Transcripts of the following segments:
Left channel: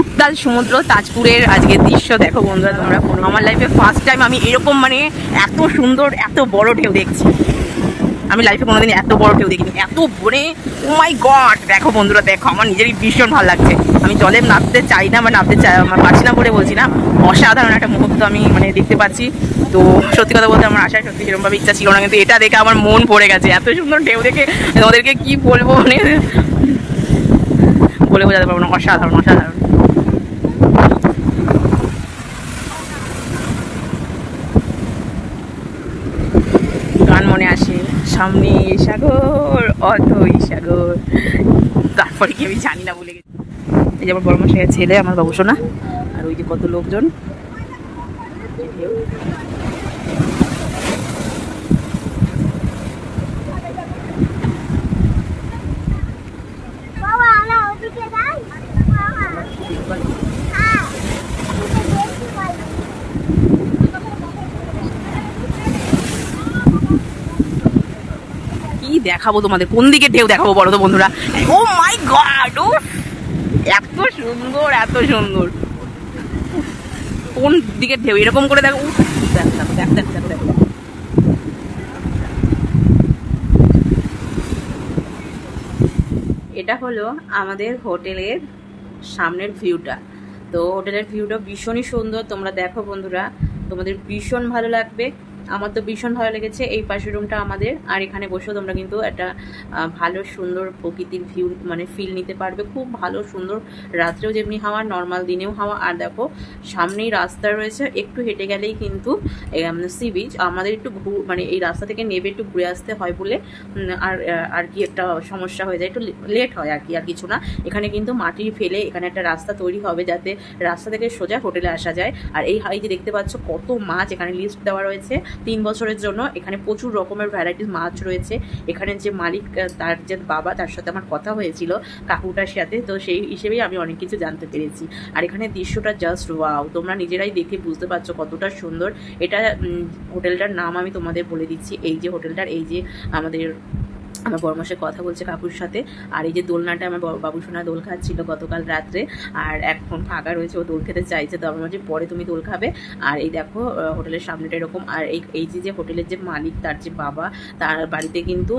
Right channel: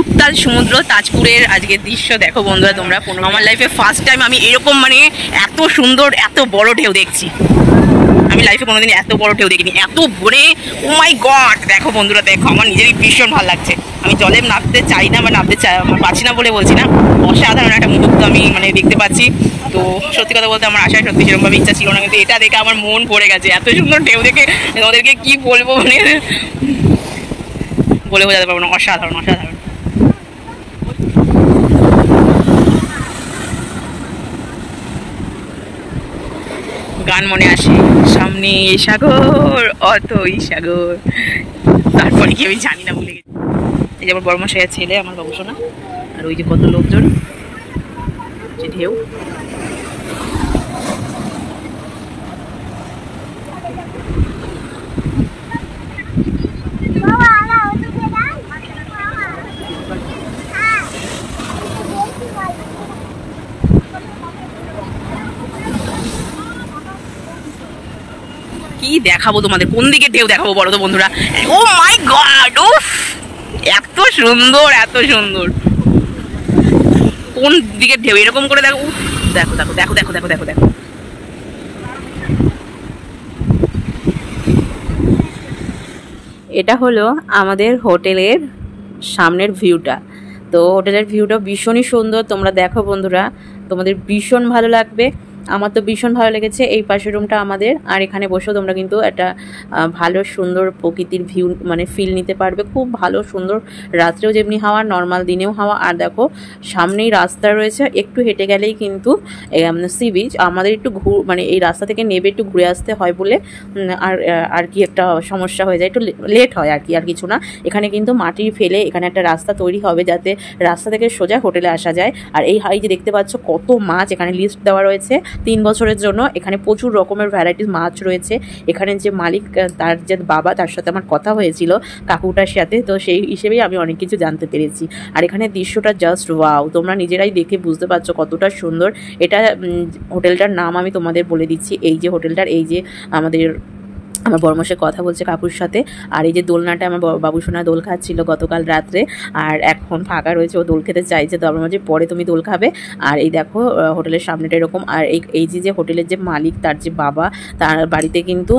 উত্তাল সমুদ্র তাজপুরের আজকের দৃশ্য দেখো বন্ধুরা তোমরা। আমার লাইফে ফার্স্ট টাইম আমি এরকম মানে এত সুন্দর এত বড় ঢেউ দেখছি। আমি লাইফে কোনোদিন এত বড় ঢেউ দেখিনি, এত ভোরে। ও মাই গড, দেখো বন্ধুরা দেখো, আমার নিজেরই ভীষণ ভালো লাগছে। আমি জলে নামতে চাই না বা নামতে পারছি না বলে বলছি না, অসাধারণ একটা মুহূর্ত আমি মানে দেখতে পাচ্ছি। তো সত্যি কথা বলতে আমার আশায় সত্যি সেরকমভাবে ইচ্ছা ছিল না, কিন্তু এটা দেখে আমার মন ভরে গেছে। এত সুন্দর ঢেউ দেখে তোমাদেরকে কি বলবো, মানে বলে বোঝাতে পারবো না, অসাধারণ অসাধারণ। গান মনে আসে, সামনে সাগর অথই সাগর, তারপরে কি আমি জানি না, ভুলে গেছি। এই যে আমার বড়মশাইয়ের ছেলে, আমার বাবুসোনা, আর ওই যে কত লোকজন, যে ঢেউ। কি দেখাবো তোমাদের, কোন দিকে ঢেউ দেখাবো বলো তো বন্ধুরা। ও মাই গড, উফ, এত সুন্দর এত সুন্দর। কোন দিকে ঢেউ এরকম করে দেখো, উফ, দেখো দেখো দেখো দেখো দেখো দেখো দেখো। এটা হলো আমাদের হোটেলের সামনের ভিউটা। তো হোটেলের ভিউটা ভীষণই সুন্দর, তোমরা দেখো বন্ধুরা, তোমাদের ভীষণ ভালো লাগবে। আমার তো ভীষণ ভালো লেগেছে। এই পাশের রুমটা আমাদের, আর এখানে বসেও তোমরা কিন্তু একটা ভালো সুন্দর প্রকৃতির ভিউ মানে ফিল নিতে পারবে। খুব ভালো সুন্দর, রাত্রেও যেমনি হাওয়া, নর্মাল দিনেও হাওয়া। আর দেখো সামনেই রাস্তা রয়েছে, একটু হেঁটে গেলেই কিন্তু সি বিচ। আমাদের একটু মানে এই রাস্তা থেকে নেবে একটু ঘুরে আসতে হয় বলে আর কি একটা সমস্যা হয়ে যায়, একটু লেট হয় আর কি, আর কিছু না। এখানে কিন্তু মাটি ফেলে এখানে একটা রাস্তা তৈরি হবে, যাতে রাস্তা থেকে সোজা হোটেলে আসা যায়। আর এই যে দেখতে পাচ্ছ কত মাছ, এখানে লিস্ট দেওয়া রয়েছে 3 বছরের জন্য। এখানে প্রচুর রকমের ভ্যারাইটিস মাছ রয়েছে। এখানে যে মালিক, তার যে বাবা, তার সাথে আমার কথা হয়েছিল কাকুটার সাথে, তো সেই হিসেবেই আমি অনেক কিছু জানতে পেরেছি। আর এখানে দৃশ্যটা জাস্ট ওয়াও, তোমরা নিজেরাই দেখে বুঝতে পারছো কতটা সুন্দর। এটা হোটেলটার নাম আমি তোমাদের বলে দিচ্ছি। এই যে হোটেলটার, এই যে আমার বড়মশাই কথা বলছে কাকুর সাথে। আর এই যে দোলনাটা, আমার বাবুসোনা দোল খাচ্ছিল গতকাল রাত্রে, আর এখন ফাঁকা রয়েছে, ও দোল খেতে চাইছে। তো আমার মাঝে পরে তুমি দোল খাবে। আর এই দেখো হোটেলের সামনেটা এরকম। আর এই যে হোটেলের যে মালিক, তার যে বাবা, তার বাড়িতে কিন্তু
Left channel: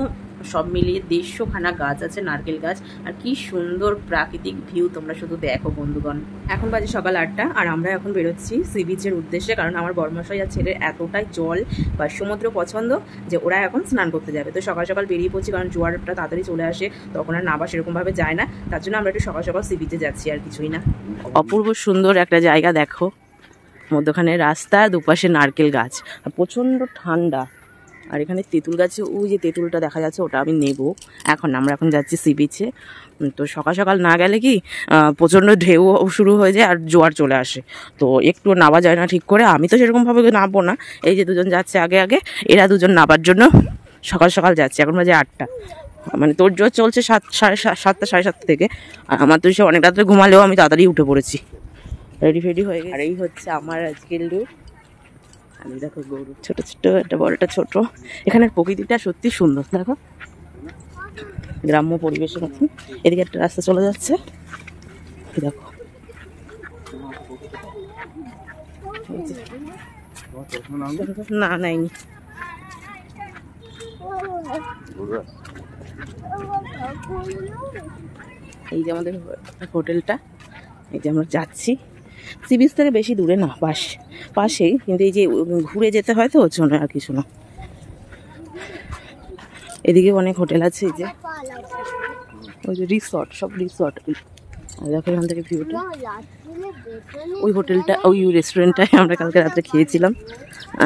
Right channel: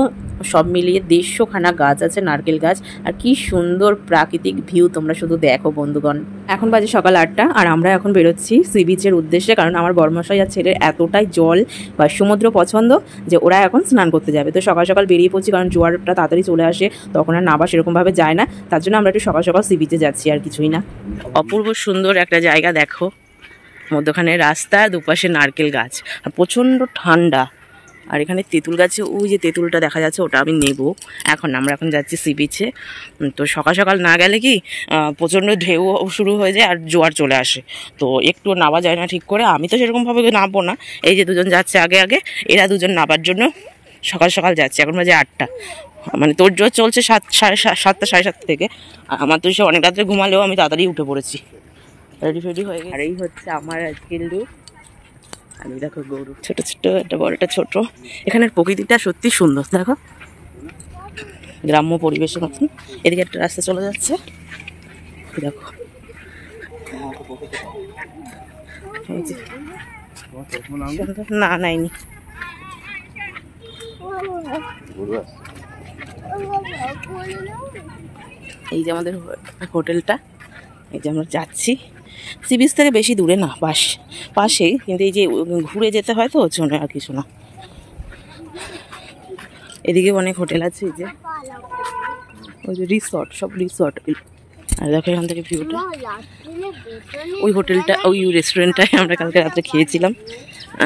সব মিলিয়ে 150খানা গাছ আছে, নারকেল গাছ। আর কি সুন্দর প্রাকৃতিক ভিউ, তোমরা শুধু দেখো বন্ধুগণ। এখন বাজে সকাল 8টা, আর আমরা এখন বেরোচ্ছি সি বিচের উদ্দেশ্যে। কারণ আমার বড়মশাই আর ছেলের এতটাই জল বা সমুদ্র পছন্দ যে ওরা এখন স্নান করতে যাবে। তো সকাল সকাল বেরিয়ে পড়ছি, কারণ জোয়ারটা তাড়াতাড়ি চলে আসে, তখন আর নাবা সেরকমভাবে যায় না। তার জন্য আমরা একটু সকাল সকাল সি বিচে যাচ্ছি, আর কিছুই না। অপূর্ব সুন্দর একটা জায়গা দেখো, মধ্যখানে রাস্তা, দুপাশে নারকেল গাছ, আর প্রচণ্ড ঠান্ডা। আর এখানে তেঁতুল গাছে, ওই যে তেঁতুলটা দেখা যাচ্ছে, ওটা আমি নেব এখন। আমরা এখন যাচ্ছি সি বিচে। তো সকাল সকাল না গেলে কি প্রচণ্ড ঢেউ শুরু হয়ে যায় আর জোয়ার চলে আসে, তো একটু নাবা যায় না ঠিক করে। আমি তো সেরকমভাবে নামবো না, এই যে দুজন যাচ্ছে আগে আগে, এরা দুজন নাবার জন্য সকাল সকাল যাচ্ছে। এখন বাজে 8টা, মানে তোর জোর চলছে 7টা 7:30 থেকে। আমার তো সে অনেক রাত্রে ঘুমালেও আমি তাড়াতাড়ি উঠে পড়েছি, রেডি ফেডি হয়ে গেছে। আর এই হচ্ছে আমার আজকের লুক। আমি দেখো গরু, ছোট ছোট, একটা বড় একটা ছোট। এখানের প্রকৃতিটা সত্যি সুন্দর, দেখো গ্রাম্য পরিবেশের মতন। এদিকে একটা রাস্তা চলে যাচ্ছে, দেখো। না নাইনি, এই যে আমাদের হোটেলটা, এই যে আমরা যাচ্ছি। সি বিচ থেকে বেশি দূরে না, পাশেই, কিন্তু এই যে ঘুরে যেতে হয় তো, ওর জন্য আর কিছু না। এদিকে অনেক হোটেল আছে, এই যে ওই যে রিসর্ট, সব রিসর্ট। আর দেখো এখান থেকে ভিউটা, ওই হোটেলটা, ওই রেস্টুরেন্টটায় আমরা কালকে রাত্রে খেয়েছিলাম।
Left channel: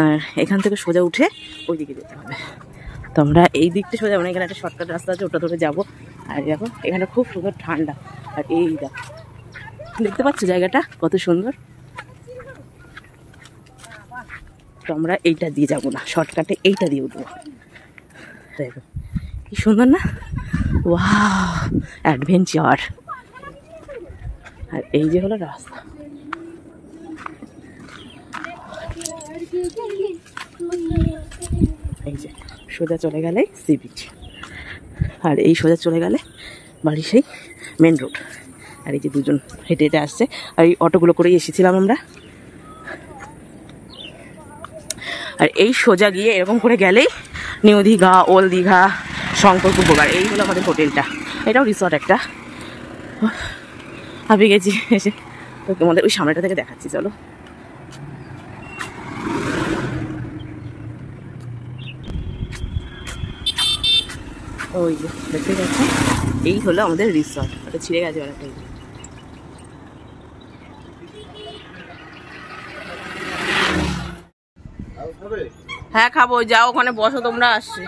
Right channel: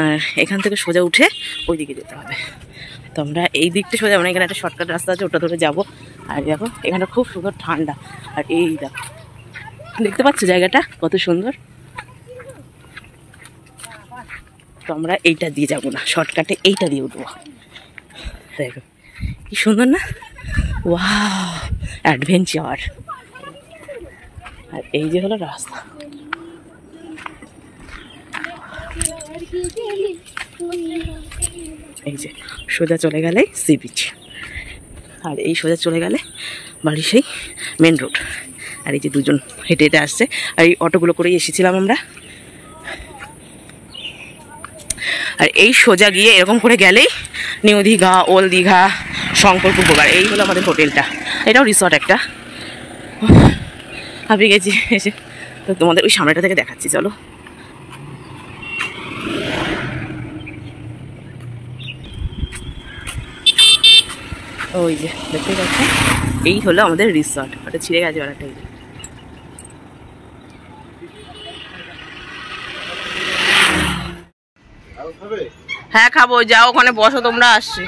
আর এখান থেকে সোজা উঠে ওই দিকে যেতে হবে। তো আমরা এই দিকটা সোজা, আমরা এখানে একটা শর্টকাট রাস্তা আছে, ওটা ধরে যাবো। আর দেখো এখানে খুব সুন্দর ঠান্ডা। আর এই দেখো, দেখতে পাচ্ছ জায়গাটা কত সুন্দর। তো আমরা এইটা দিয়ে যাবো না, শর্টকাটে এইটা দিয়ে উঠবো। দেখো কি সুন্দর না, ওয়াও, অ্যাডভেঞ্চার। আর এই যে হলো রাস্তা, এই যে সোজা চলে গেলে সি বিচ, আর এই সোজা চলে গেলে বাড়ি সেই মেন রোড। আর এই যে দুজন হেঁটে হেঁটে আসছে, আর এই অটোগুলো করেই এসেছিলাম আমরা। আর এই সোজা গিয়ে এরকম করে গেলেই নিউ দীঘা, ওল্ড দীঘা, শঙ্করপুর গোবার, এই হলো আমাদের হোটেলটা। এটাও রিসর্ট একটা। ভাবি গেছি এসে, তো তোমাদের ওই সামনেটা থেকে দেখাচ্ছি, চলো। ওই যে দেখতে পাচ্ছেন, এই হলো আমাদের রিসর্ট। ওটা ছিঁড়ে গেছে অনেকটা। হ্যাঁ খাবো, যাও ওখানে বসো তোমরা, আসছি।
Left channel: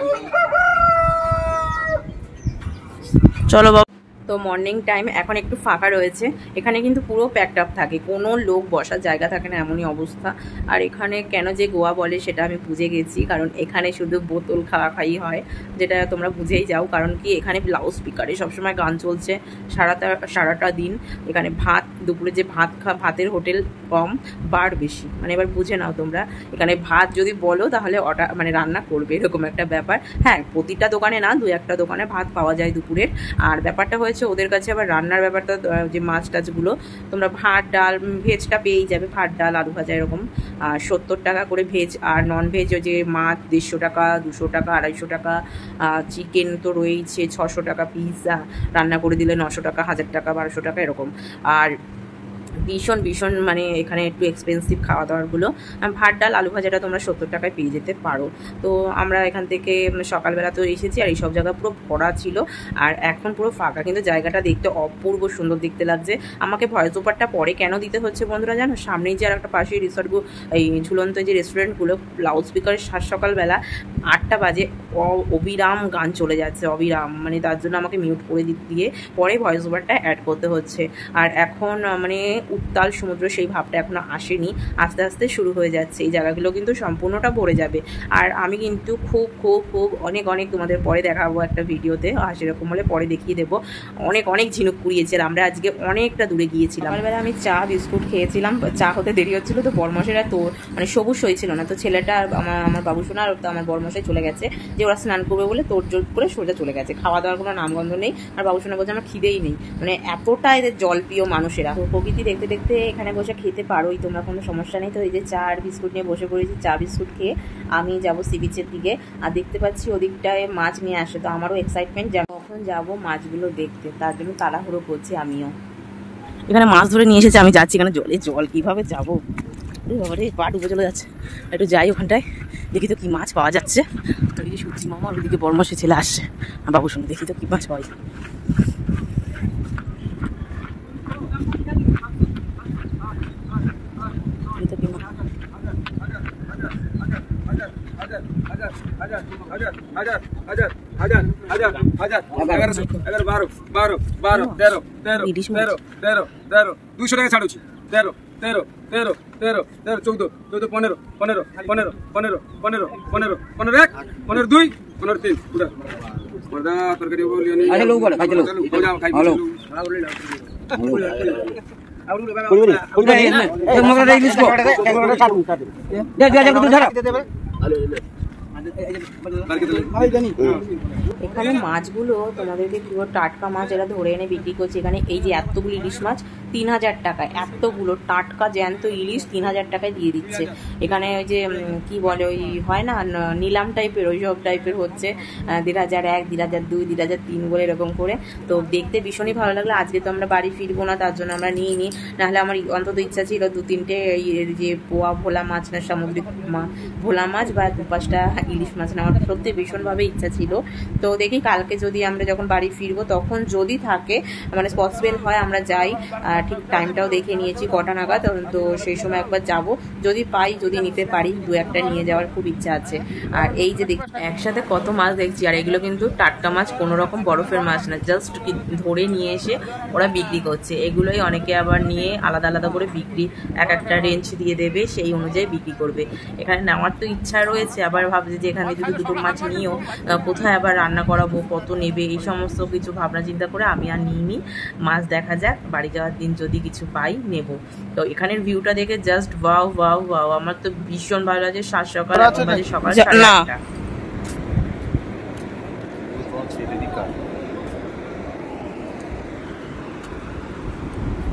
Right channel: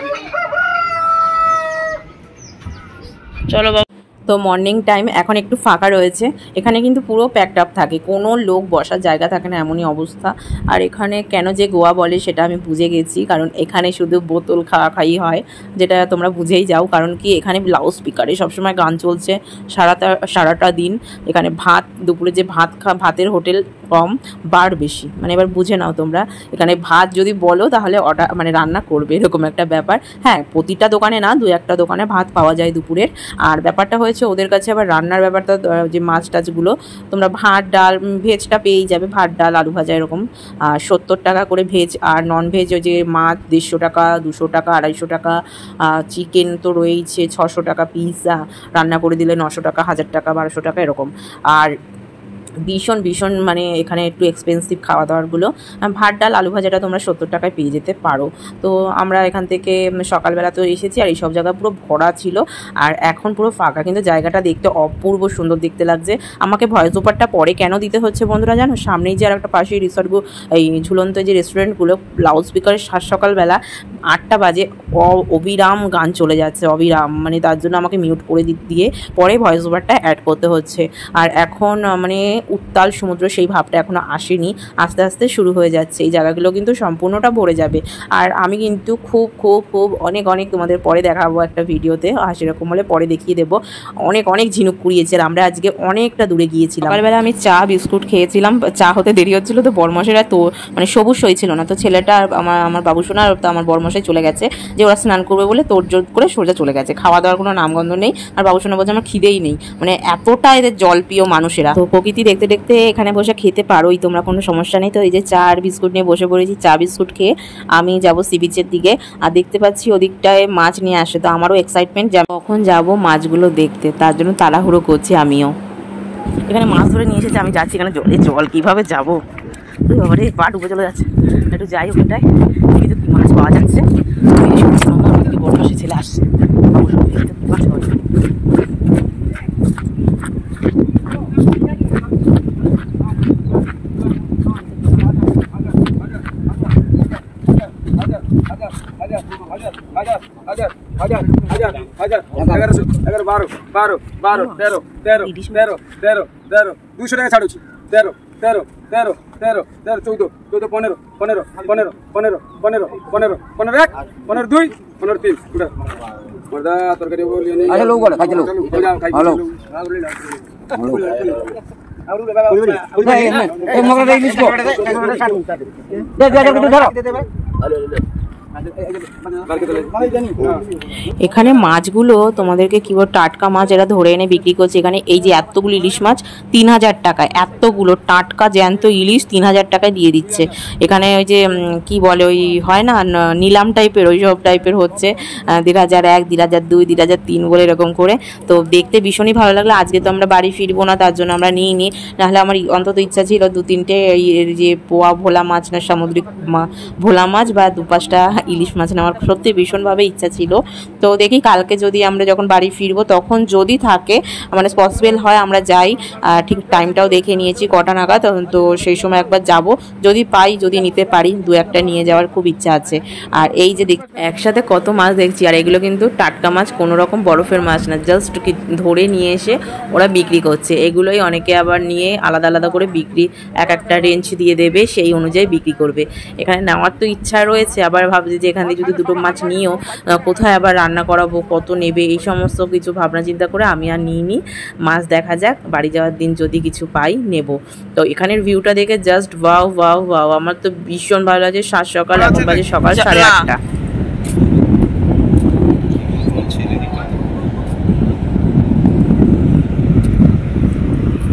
চলো বাবা। তো মর্নিং টাইম এখন একটু ফাঁকা রয়েছে, এখানে কিন্তু পুরো প্যাকড আপ থাকে, কোনো লোক বসার জায়গা থাকে না, এমনই অবস্থা। আর এখানে কেন যে গোয়া বলে সেটা আমি বুঝে গেছি, কারণ এখানে শুধু বোতল খাওয়াই হয়, যেটা তোমরা বুঝেই যাও। কারণ কি এখানে লাউড স্পিকারে সবসময় গান চলছে সারাটা দিন। এখানে ভাত, দুপুরে যে ভাতের হোটেল কম, বার বেশি, মানে এবার বুঝে নাও তোমরা। এখানে ভাত যদি বলো তাহলে মানে রান্না করবে, এরকম একটা ব্যাপার। হ্যাঁ, প্রতিটা দোকানে না, দু একটা দোকানে ভাত পাওয়া যায় দুপুরের। আর ব্যাপারটা হয়েছে ওদের কাছে আবার রান্নার ব্যাপারটা, যে মাছ টাছগুলো তোমরা ভাত ডাল ভেজটা পেয়েই যাবে, ভাত ডাল আলু ভাজা এরকম। আর 70 টাকা করে ভেজ, আর নন ভেজ যে মাছ 150 টাকা, 200 টাকা, 250 টাকা। চিকেন তো রয়েছে 600 টাকা পিস, রান্না করে দিলে 900 টাকা, 1000 টাকা, 1200 টাকা এরকম। আর ভীষণ ভীষণ মানে এখানে একটু এক্সপেন্সিভ খাওয়া দাওয়ারগুলো। ভাত ডাল আলু ভাজাটা তোমরা 70 টাকায় পেয়ে যেতে পারো। তো আমরা এখান থেকে সকালবেলা তো এসেছি, আর এইসব জায়গা পুরো ভরা ছিল, আর এখন পুরো ফাঁকা, কিন্তু জায়গাটা দেখতে অপূর্ব সুন্দর দেখতে লাগছে। আমাকে ভয়েস ওভারটা পরে কেন দিতে হচ্ছে বন্ধুরা জানো? সামনেই যে আর একটা পাশে রিসর্টগুলো, এই ঝুলন্ত যে রেস্টুরেন্টগুলো, লাউড স্পিকারের সকালবেলা 8টা বাজে অবিরাম গান চলে যাচ্ছে, অবিরাম, মানে তার জন্য আমাকে মিউট করে দিয়ে পরে ভয়েস ওভারটা অ্যাড করতে হচ্ছে। আর এখন মানে উত্তাল সমুদ্র সেই ভাবটা এখনো আসেনি, আস্তে আস্তে শুরু হয়ে যাচ্ছে। এই জায়গাগুলো কিন্তু সম্পূর্ণটা ভরে যাবে। আর আমি কিন্তু খুব খুব খুব অনেক অনেক তোমাদের পরে দেখাবো একটা ভিডিওতে, আর সেরকম হলে পরে দেখিয়ে দেবো। অনেক অনেক ঝিনুক কুড়িয়েছে, আমরা আজকে অনেকটা দূরে গিয়েছিলাম। সকালবেলা আমি চা বিস্কুট খেয়েছিলাম, চা হতে দেরি হচ্ছিলো, তো বরমশেরা তো মানে সবুজ হয়েছিল না, তো ছেলেটা আমার বাবুসোনা আর আমার বরমশাই চলে গেছে, যে ওরা স্নান করবে বলে তোড়জোড় করে সোজা চলে গেছে। খাওয়া দাওয়ার কোনো নামগন্ধ নেই, আর বাবুসোনা বলছে আমার খিদেই নেই, মানে এতটা এদের জলপ্রিয় মানুষেরা। তো প্রকৃতি দেখতে দেখতে এখানে বসে খেতে পারোই তোমরা, কোনো সমস্যা নেই। তো এই যে চা আর বিস্কুট নিয়ে বসে পড়েছি, চা বিস্কুট খেয়ে আমি যাবো সি বিচের দিকে। আর দেখতে পাচ্ছি ওদিকটায় মাছ নিয়ে আসে, তো আমারও এক্সাইটমেন্ট যে কখন যাবো মাছগুলো দেখতে, তার জন্য তাড়াহুড়ো করছি আমিও। এখানে মাছ ধরে নিয়ে এসেছে, আমি যাচ্ছি, এখানে জল কিভাবে যাবো, বাবারে পা ডুবে চলে যাচ্ছে। একটু যাই ওখানটায়, দেখি তো কি মাছ পাওয়া যাচ্ছে। কিন্তু বড় মাসে ছেলে আসছে, বাবু সব দেখি তো কি মাছ পাওয়া যায়। দুশো টাকা ছাড়ুছি। 13, 13, 13, 13, 13, 14, 14, 15, 15, 15, 15, 15, 15, 15, 1, 15, 2, 15, 3, মর্দা তরকারি বলিও নি। আরে লোক বলে খাইতে লোক যাও খাই হ্যালো এখানে মাছগুলো তোমাদেরকে কি বল, টাটকা মাছ এরা ধরে এনে বিক্রি করছে। এখানে এই যে এতগুলো ইলিশ মাছ 3000 টাকায়, এতগুলো টাটকা জ্যান্ত ইলিশ 3000 টাকায় দিয়ে দিচ্ছে। এখানে ওই যে কি বলে, ওই হয় না নিলাম টাইপের, ওই সব টাইপের হচ্ছে। 2001, 2002, 2003 বলে এরকম করে। তো দেখতে ভীষণই ভালো লাগলো। আজকে তো আমরা বাড়ি ফিরবো না, তার জন্য আমরা নিইনি, নাহলে আমার অন্তত ইচ্ছা ছিল 2-3টে এই যে পোয়া ভোলা মাছ না, সামুদ্রিক ভোলা মাছ বা 2-5টা ইলিশ মাছ নেওয়ার সত্যি ভীষণভাবে ইচ্ছা ছিল। তো দেখি কালকে যদি আমরা যখন বাড়ি ফিরবো তখন যদি থাকে, মানে পসিবল হয় আমরা যাই। ঠিক টাইমটাও দেখে নিয়েছি কটা নাগাদ, তো সেই সময় একবার যাব, যদি পাই, যদি নিতে পারি 2-1টা নিয়ে যাওয়ার খুব ইচ্ছা আছে। আর এই যে একসাথে কত মাছ দেখছি, আর এগুলো কিন্তু টাটকা মাছ, কোনো রকম বরফের মাছ না, জাস্ট ধরে নিয়ে এসে ওরা বিক্রি করছে। এগুলোই অনেকে আবার নিয়ে আলাদা আলাদা করে বিক্রি, একটা রেঞ্জ দিয়ে দেবে, সেই অনুযায়ী বিক্রি করবে। এখানে নেওয়ার তো ইচ্ছা রয়েছে, আবার ভাবছি যে এখানে যদি 2টো মাছ নিয়েও কোথায় আবার রান্না করাবো, কত নেবে, এই সমস্ত কিছু ভাবনা চিন্তা করে আমি আর নিইনি। মাছ দেখা যাক, বাড়ি যাওয়ার দিন যদি কিছু পাই নেব। তো এখানের ভিউটা দেখে জাস্ট ওয়াও ওয়াও ওয়াও, আমার তো ভীষণ ভালো লাগে। 7 সকাল, এখন বাজে সকাল 8:30।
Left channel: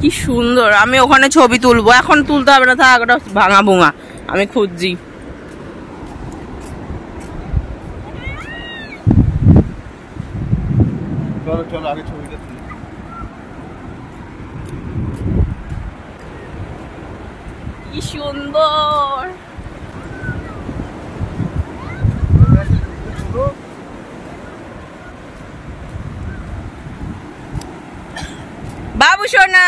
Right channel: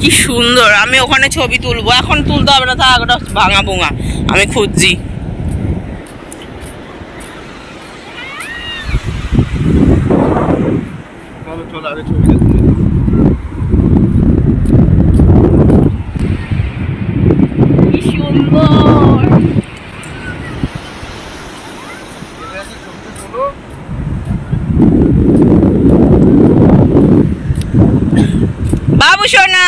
কি সুন্দর। আমি ওখানে ছবি তুলবো, এখন তুলতে হবে না, থাক ওটা ভাঙা ভুঙা, আমি খুঁজছি। কি সুন্দর। বাবু সোনা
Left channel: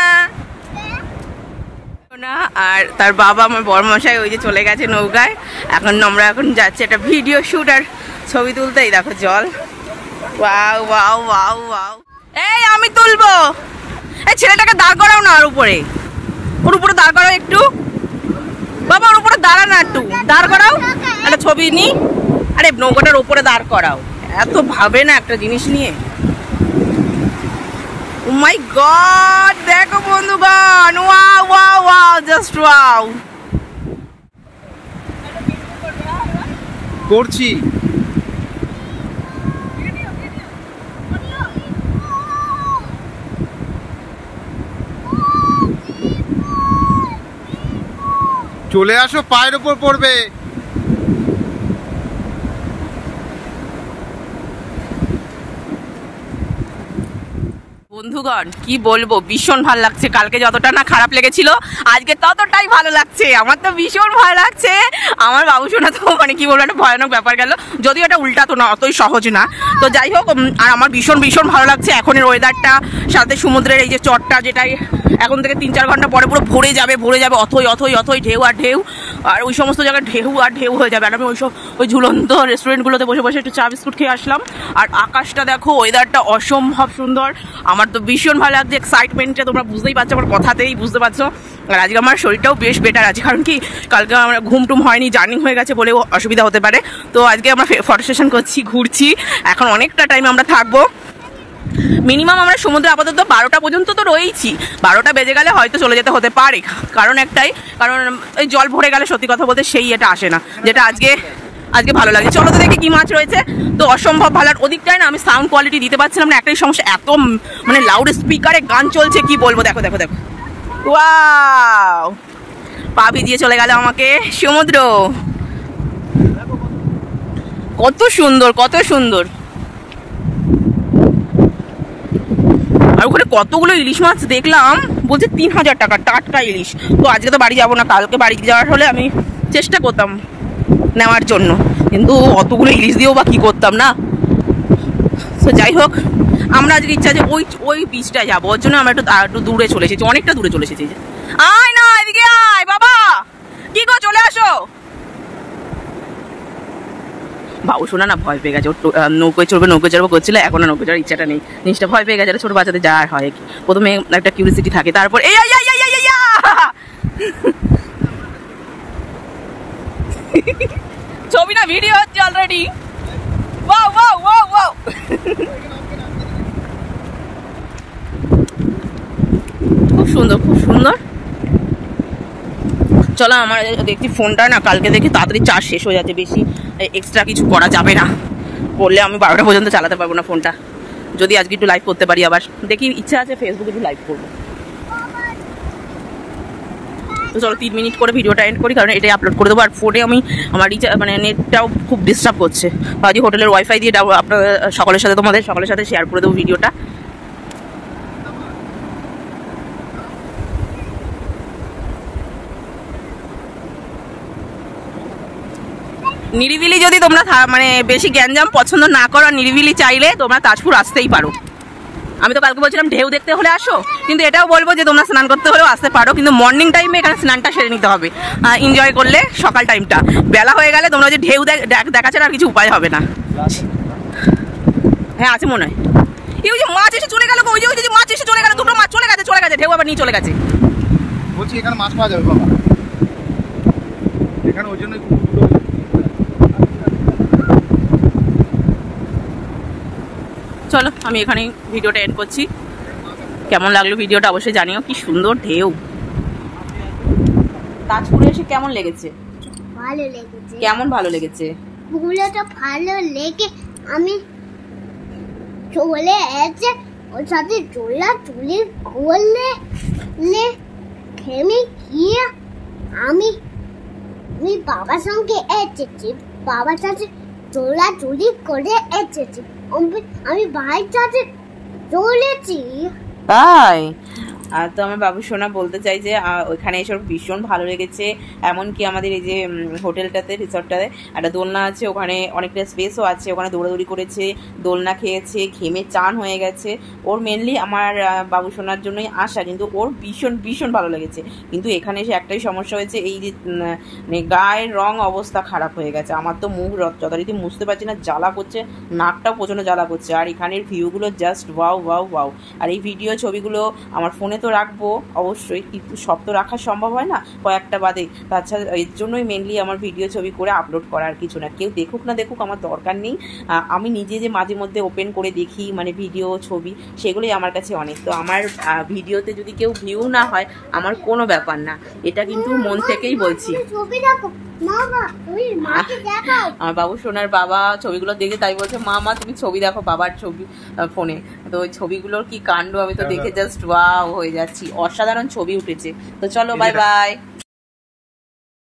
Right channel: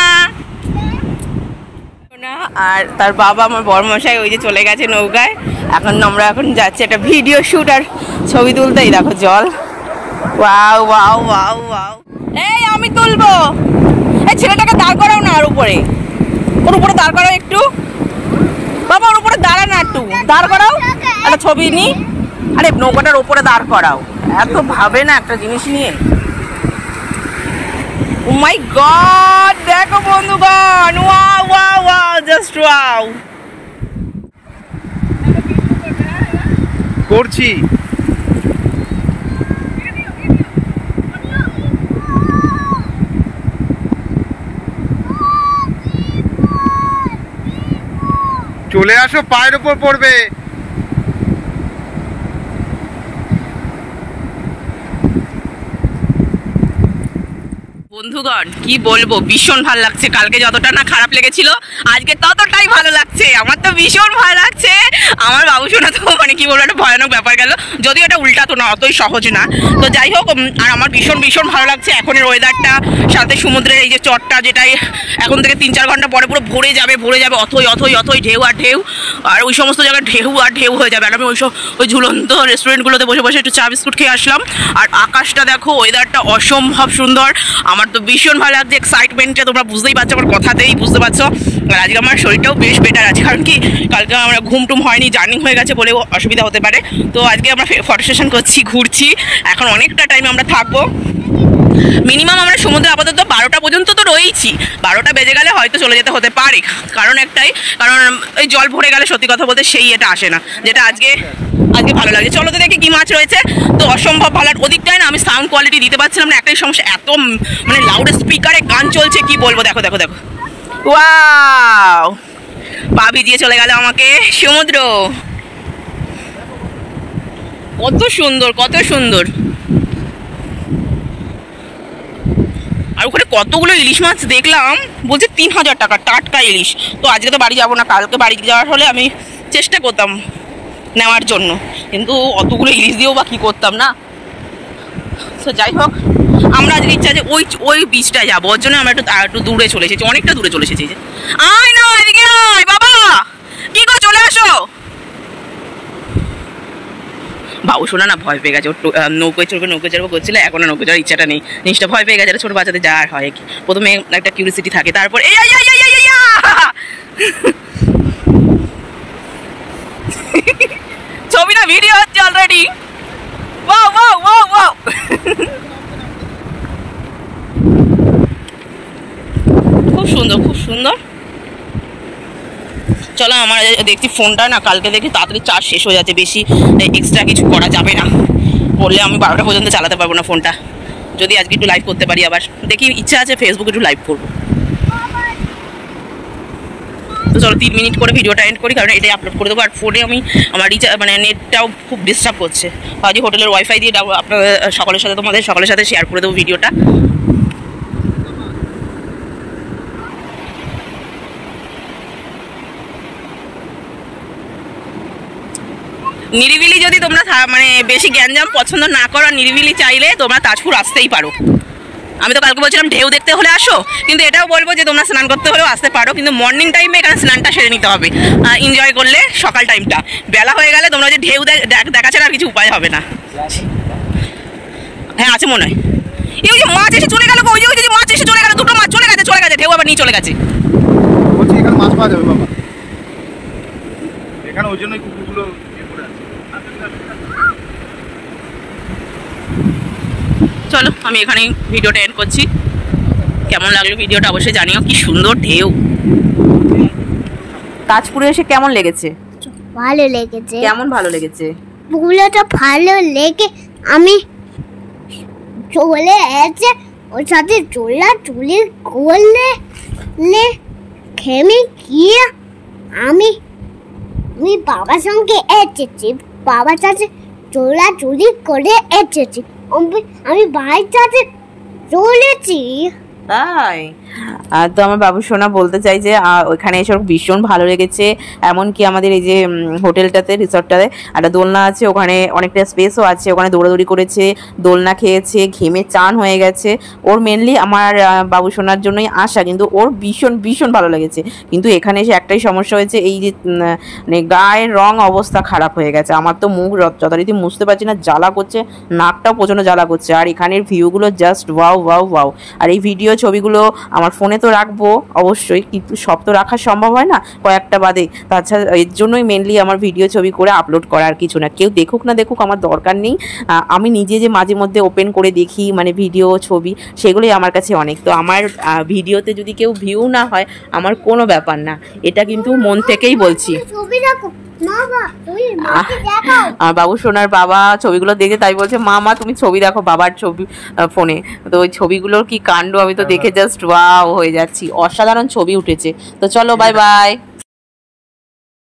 আর তার বাবা আমার বড়মশাই ওই যে চলে গেছে নৌকায়। এখন আমরা যাচ্ছি একটা ভিডিও শুট আর ছবি তুলতেই। দেখো জল, ওয়াও ওয়াও ওয়াও ওয়াও। এই আমি তুলবো, এই ছেলেটাকে দাঁড় করাও না, ওর উপরে দাঁড় করাও একটু। বাবা ওর উপরে দাঁড়া না, একটু দাঁড় করাও, একটা ছবি নি। আরে নৌকাটার উপরে দাঁড় করাও, এত ভাবে না একটা জিনিস নিয়ে। Oh my God! দেখো বন্ধুগণ, wow wow wow, just wow. করছি চলে আসো, পায়ের উপর পড়বে। বন্ধুগণ কি বলবো, ভীষণ ভালো লাগছে। কালকে যতটা না খারাপ লেগেছিল, আজকে ততটাই ভালো লাগছে। আমার তো ভীষণ ভালো লাগছে। আমার বাবু সোনা তো মানে কি বলবো, একটা ভয়ানক ব্যাপার গেল, যদিও এটা উল্টা তো না, অতই সহজ না। তো যাই হোক, আর আমার ভীষণ ভীষণ ভালো লাগছে এখনের ওয়েদারটা, সাথে সমুদ্রের এই যে চটটা, যেটাই এখন থেকে 3-4 ঘন্টা পরে পুরো ভরে যাবে অথই অথই অথই, ঢেউ আর ঢেউ, আর ওই সমস্ত জায়গায় ঢেউ আর ঢেউ হয়ে যাবে। আর আমি ওই ঝুলন্ত রেস্টুরেন্টগুলোতে বসে বসে একটু চা বিস্কুট খেয়ে আসলাম। আর আকাশটা দেখো, ওয়েদারটা অসম্ভব সুন্দর। আমার তো ভীষণ ভালো লাগছে, এক্সাইটমেন্টটা তোমরা বুঝতেই পারছো, আমার কথাতেই বুঝতে পারছো। আর আজকে আমার শরীরটাও বেশ বেটার আছে, কারণ কি কালকে আমরা ঘুমটুম হয়নি, জার্নি হয়ে গেছে বলেও অসুবিধা হতে পারে। তো আজকে আমরা ফটো সেশন করছি, ঘুরছি, এখন অনেকটা টাইম আমরা থাকবো। মিনিমাম আমরা সমুদ্রে আপাতত 12টা পর্যন্ত তো রয়েইছি, 12টা বেজে গেলে হয়তো চলে যেতে হতে পারে। কারণ একটাই, কারণ এই জল ভরে গেলে সত্যি কথা বলতে সেই এটা আসে না, যেটা আজকে ভালো লাগে। চলো তো দেখি কি মাছ রয়েছে। তো অসম্ভব ভালো। ওদিকটায় না আমি সাউন্ড কোয়ালিটি দিতে পারছিলাম না, একটাই সমস্যা, এত মানে লাউড স্পিকারে গান চলছে, কি বলবো। দেখো দেখো দেখো, ওয়াও, পা ভিজিয়ে চলে গেল আমাকে সমুদ্র। কত সুন্দর, কত সুন্দর। আর ওখানে কতগুলো ইলিশ মাছ দেখলাম, বলছে 3000 টাকা টাটকা ইলিশ। তো আজকে তো বাড়ি যাবো না, কালকে বাড়ি যাওয়ার হলে আমি চেষ্টা করতাম নেওয়ার জন্য, কিন্তু অতগুলো ইলিশ দিয়েও বা কী করতাম না। তো যাই হোক, আমরা আজকে ইচ্ছা যে ওই বিচটায় যাবো, ওর জন্য আমরা একটু দূরে চলে এসেছি, অনেকটা দূরে চলে এসেছি। আয় না, এদিকে আয় বাবা, কি গো চলে আসো। বাবু শোনা না ভয় পেয়ে গেছে, ওর নৌকোয় চড়বো করছিল, এখন নৌকো চড়ার ইচ্ছাটা নেই। জিনিসটা ভয় পেয়ে গেছে, ছোটো বাচ্চাদের যাওয়ার হয় কি, প্রথমে একটা কিউরিসিটি থাকে, তারপর এই ছবি না ভিডিও হচ্ছে already. Wow wow wow wow, খুব সুন্দর, খুব সুন্দর। চলো, আমার দেখছি ফোনটা না কালকে দেখি তাড়াতাড়ি চার্জ শেষ হয়ে যাচ্ছে, বেশি এক্সট্রা কিছু করা যাবে না, করলে আমি 12টা পর্যন্ত চালাতে পারবো না ফোনটা। যদি আজকে একটু লাইভ করতে পারি, আবার দেখি ইচ্ছা আছে ফেসবুকে একটু লাইভ করবো। তো চলো 3 মিনিট করে ভিডিওটা এন্ড করি, কারণ এটাই আপলোড করে দেবো। আর ফোনে আমি আমার মানে নেটটাও খুব ডিস্টার্ব করছে। আজকে হোটেলের ওয়াইফাই দিয়ে আপনার তোমাদের সকলের সাথে শেয়ার করে দেবো ভিডিওটা। নিরিবিলি যদি তোমরা মানে বেশি গ্যাঞ্জাম পছন্দ না করো, নিরিবিলি চাইলে তোমরা তাজপুর আসতেই পারো। আমি তো কালকে বলছিলাম ঢেউ দেখতে হলে আসো, কিন্তু এটাও বলবো যে তোমরা স্নান করতে হলেও আসতে পারো, কিন্তু মর্নিং টাইমে এখানে স্নানটা সেরে নিতে হবে, এনজয় করলে সকাল টাইমটা। বেলা হয়ে গেলে তোমরা যে ঢেউ দেখা ছাড়া আর কিছু উপায় হবে না। হ্যাঁ আছে মনে হয়, এই যে মাছ এসে চলে গেল, ওই যে মাছ এসে চলে গেল, দুটো মাছ চলে গেছে, ঢেউ আবার নিয়ে চলে গেছে। বলছি এখানে মাছ পাওয়া যাবে বাবা, এখানে ওই জন্যই কুকুরগুলো। চলো আমি এখানেই ভিডিওটা এন্ড করছি। কেমন লাগলো ভিডিওটা অবশ্যই জানিও। কি সুন্দর ঢেউ। তাজপুরে এসে কেমন লেগেছে? ভালো লেগেছে। কেমন ভালো লেগেছে? পুকুরটা ভালো লেগে আমি চলে এসে ওর সাথে চুলি করলে লে খেমে গিয়ে আমি আমি বাবার সঙ্গে এসেছি, বাবার সাথে চোরাচুরি করে এসেছি, আমি ভাইয়ের সাথে চলেছি। তাই তো আমার বাবু সোনা বলতে চাই যে ওইখানে এসে ওর ভীষণ ভালো লেগেছে। এমনকি আমাদের এই যে হোটেলটাতে, রিসর্টটাতে একটা দোলনা আছে, ওখানে অনেকটা স্পেসও আছে, ওখানে দৌড়াদৌড়ি করেছে, দোলনা খেয়েছে, ঘেমে চান হয়ে গেছে। ওর মেনলি আমার বাবু সোনার জন্যই আসা, কিন্তু ওর ভীষণ ভীষণ ভালো লেগেছে। কিন্তু এখানে এসে একটাই সমস্যা হয়েছে, এই যে মানে গায়ের রং অবস্থা খারাপ হয়ে গেছে। আমার তো মুখ যথারীতি মুছতে পারছি না, জ্বালা করছে, নাকটাও প্রচণ্ড জ্বালা করছে। আর এখানের ভিউগুলো জাস্ট ওয়াও ওয়াও ওয়াও। আর এই ভিডিও ছবিগুলো আমার ফোনে তো রাখবো অবশ্যই, কিন্তু সব তো রাখা সম্ভব হয় না, কয়েকটা বাদে। তাছাড়া এর জন্যই মেনলি আমার ভিডিও ছবি করে আপলোড করা, আর কিছু না। কেউ দেখুক না দেখুক আমার দরকার নেই। আমি নিজে যে মাঝে মধ্যে ওপেন করে দেখি মানে ভিডিও ছবি, সেগুলোই আমার কাছে অনেক। তো আমার ভিডিওতে যদি কেউ ভিউ না হয় আমার কোনো ব্যাপার না, এটা কিন্তু মন থেকেই বলছি। ছবি দেখো মামা, তুমি মাকে দেখাও। আমার বাবু সোনার বাবা ছবিগুলো দেখে তাই বলছে, মা তুমি ছবি দেখো বাবার ছবি ফোনে। তো ওই ছবিগুলোর কি কাণ্ড, আমি তো দেখে জাস্ট ওয়াও হয়ে যাচ্ছি, অসাধারণ ছবি উঠেছে। তো চলো বাই বাই।